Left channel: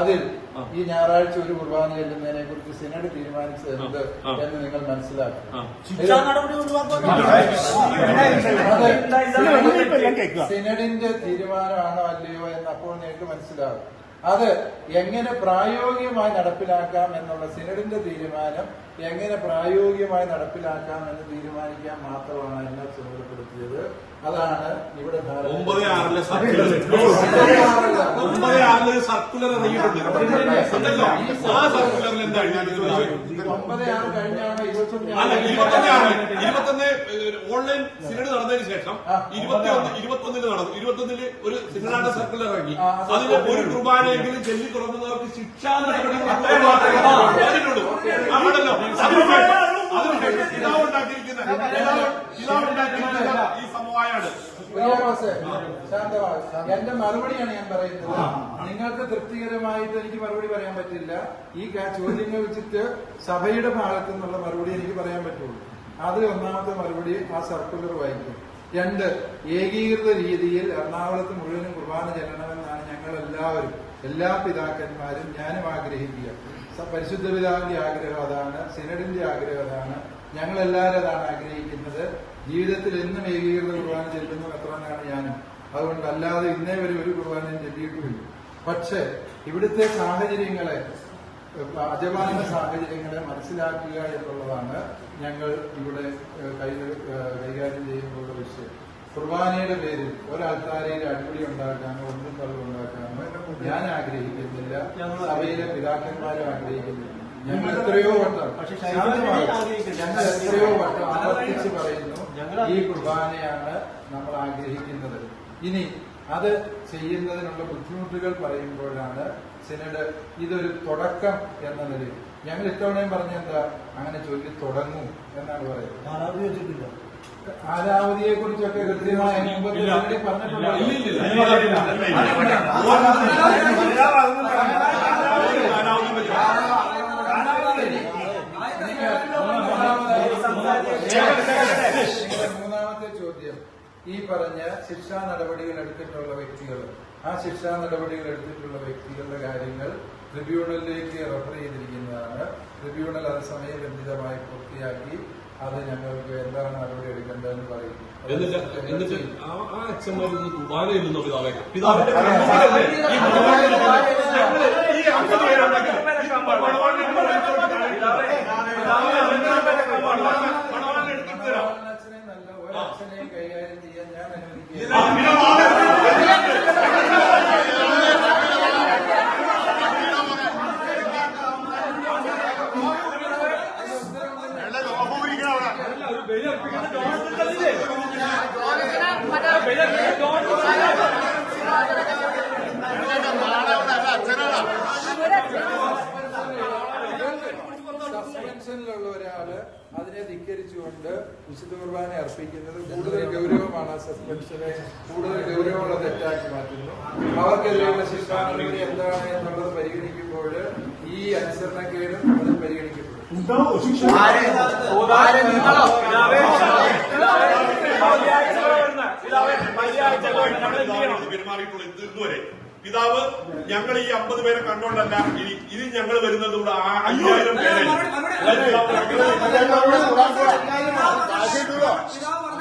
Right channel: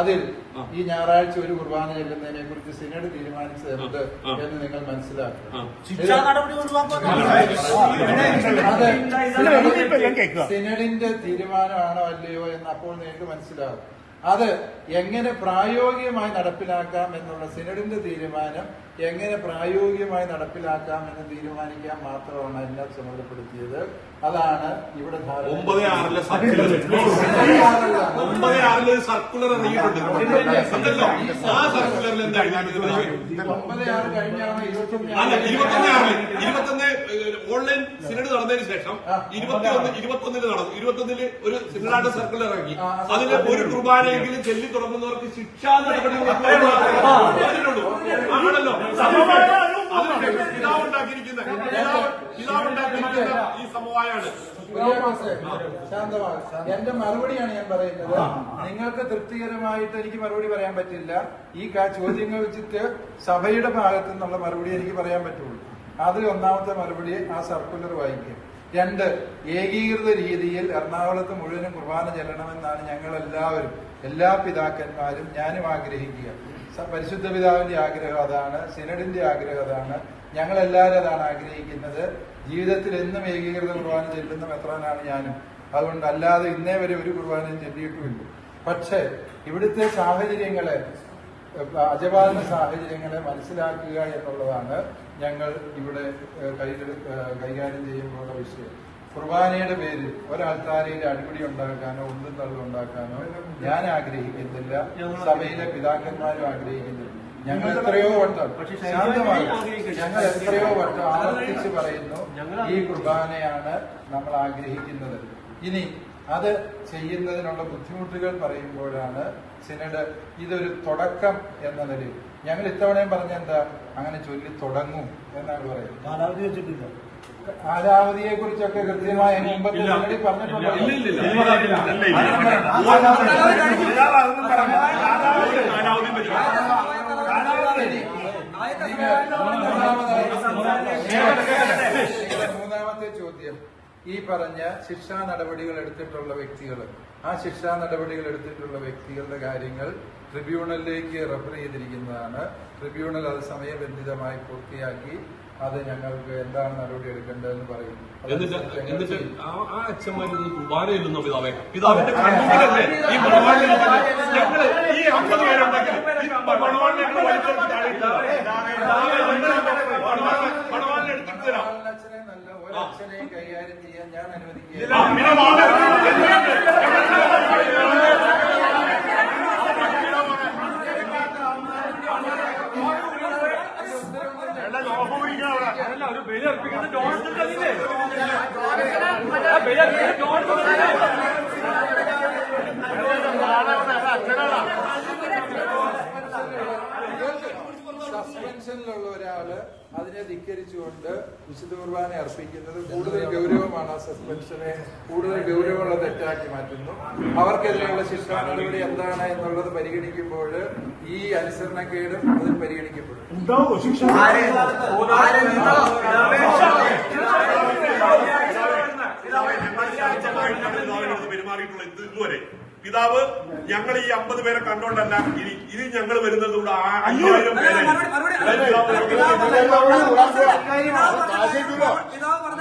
അതിൽ ഈ ഞായറാഴ്ച ഒരു കുർബാന ചെല്ലുന്നതിനെ കുറിച്ച് സിനഡ് തീരുമാനിച്ചത് എന്ന് നിങ്ങൾ മനസ്സിലാക്കുക. സിനഡിന്റെ തീരുമാനമാണോ അല്ലയോ എന്ന് അപ്പോൾ നിങ്ങൾക്ക് മനസ്സിലാവും. അത് എങ്ങനെ പ്രായോഗികമായി നടപ്പിലാക്കാം എന്നുള്ള സിനഡിന്റെ തീരുമാനം എങ്ങനെ പ്രായോഗികമായി നടപ്പിലാക്കാം എന്ന് തീരുമാനിക്കാൻ മാത്രമാണ് എന്നെ ചുമതലപ്പെടുത്തിയത്. അതാണ് ഇവിടെ 9/6 കഴിഞ്ഞാണ് 21 ഓൺലൈൻ സിനഡ് നടന്നതിന് ശേഷം 21 നടന്നു. 21 ഒരു സിനഡാന്റെ സർക്കുലർ ഇറങ്ങി. അതിന് ഒരു കുർബാനയെങ്കിലും ചൊല്ലി തുടങ്ങുന്നവർക്ക് ശിക്ഷാ നടപടികൾ ആണല്ലോ ഈ സമവായാണ്. ശാന്തമാണ്. എന്റെ മറുപടിയാണ് ഞാൻ പറയുന്നത്. നിങ്ങൾക്ക് തൃപ്തികരമായിട്ട് എനിക്ക് മറുപടി പറയാൻ പറ്റില്ല. ഈ ചോദ്യങ്ങൾ വെച്ചിട്ട് സഭയുടെ ഭാഗത്തു നിന്നുള്ള മറുപടി എനിക്ക് പറയാൻ പറ്റുള്ളൂ. അത് ഒന്നാമത്തെ മറുപടി ആ സർക്കുലർ വായിക്കും. 2, ഏകീകൃത രീതിയിൽ എറണാകുളത്ത് മുഴുവനും കുർബാന ചെല്ലണമെന്നാണ് ഞങ്ങളെല്ലാവരും, എല്ലാ പിതാക്കന്മാരും, ഞാനും ആഗ്രഹിക്കുക. പരിശുദ്ധ പിതാവിന്റെ ആഗ്രഹം അതാണ്, സിനഡിന്റെ ആഗ്രഹം അതാണ്, ഞങ്ങളെല്ലാവരും അതാണ് ആഗ്രഹിക്കുന്നത്. ജീവിതത്തിൽ എന്നും ഏകീകൃത കുർബാന ചെല്ലുന്ന മെത്രാനാണ് ഞാനും. അതുകൊണ്ട് അല്ലാതെ ഇന്നേ വരെ ഒരു കുർബാനയും ചൊല്ലിയിട്ടുമില്ല. പക്ഷെ ഇവിടുത്തെ സാഹചര്യങ്ങളെ, അജപാലന സാഹചര്യങ്ങളെ മനസ്സിലാക്കുക എന്നുള്ളതാണ് ഞങ്ങൾ ഇവിടെ കൈകാര്യം ചെയ്യുമ്പോഴുള്ള വിഷയം. കുർബാനയുടെ പേരിൽ ഒരാൾക്കാരയിൽ അടിപിടി ഉണ്ടാക്കാനോ ഒന്നും തള്ളുണ്ടാക്കാനോ ഞാൻ ആഗ്രഹിക്കുന്നില്ല, സഭയിലെ പിതാക്കന്മാരും ആഗ്രഹിക്കുന്നില്ല. ഞങ്ങൾ എത്രയോ വട്ടം ആവർത്തിച്ച് പറയുന്നു, ഈ കുർബാനയാണ് നമ്മൾ ആഗ്രഹിക്കുന്നത്. ഇനി അത് ചെയ്യുന്നതിനുള്ള ബുദ്ധിമുട്ടുകൾ പറയുമ്പോഴാണ് സിനഡ് ഇതൊരു തുടക്കം എന്ന നിലയിൽ ഞങ്ങൾ ഇത്തവണയും പറഞ്ഞെന്താ, അങ്ങനെ ചൊല്ലി തുടങ്ങും എന്നാണ് പറയുന്നത്. കാലാവധിയെ കുറിച്ചൊക്കെ കൃത്യമായി മുമ്പത്തെ സിനഡിൽ പറഞ്ഞിട്ടുണ്ടോ? മൂന്നാമത്തെ ചോദ്യം, ഈ പറഞ്ഞ ശിക്ഷാ നടപടികൾ എടുത്തിട്ടുള്ള വ്യക്തികൾ, ആ ശിക്ഷാ നടപടികൾ എടുത്തിട്ടുള്ള വ്യക്തികളുടെ കാര്യങ്ങൾ ട്രിബ്യൂണലിലേക്ക് റെഫർ ചെയ്തിരിക്കുന്നതാണ്. ട്രിബ്യൂണൽ അത് സമയബന്ധിതമായി പൂർത്തിയാക്കി അത് ഞങ്ങൾക്ക് എന്താണ് നടപടി എടുക്കേണ്ടതെന്ന് പറയും. എന്നിട്ട് ആ അച്ഛന്മാരൊന്നും കുർബാന ചെല്ലുന്ന പിതാവിന്റെ ഒരച്ഛനെയും കൈകാര്യം ചെയ്യാൻ ഞാൻ അനുവദിക്കുക. സസ്പെൻഷനിലുള്ള ഒരാള് അതിനെ ധിക്കരിച്ചുകൊണ്ട് വിശുദ്ധ കുർബാന അർപ്പിക്കുന്നത് കൂടുതൽ ഗൗരവമാണ്. ആ സസ്പെൻഷനെ കൂടുതൽ ഗൗരവമുള്ള തെറ്റാക്കി മാറ്റുന്നു. അവർക്കെതിരെയുള്ള ശിക്ഷാ നടപടി എന്താണ് എന്നുള്ളത് പരിഗണിക്കുമ്പോൾ ഈ അനുസരണക്കേടും അതിൽ പരിഗണിക്കപ്പെടും. പെരുമാറിയിട്ടുള്ള ഇതുവരെ പിതാവ് ഞങ്ങൾ ഈ 50 പേരെ കണ്ടോണ്ടല്ല, ഇനി ഞങ്ങൾ വരുന്നത് കൂടെ 5000 പേരെ പിതാവ് പറഞ്ഞ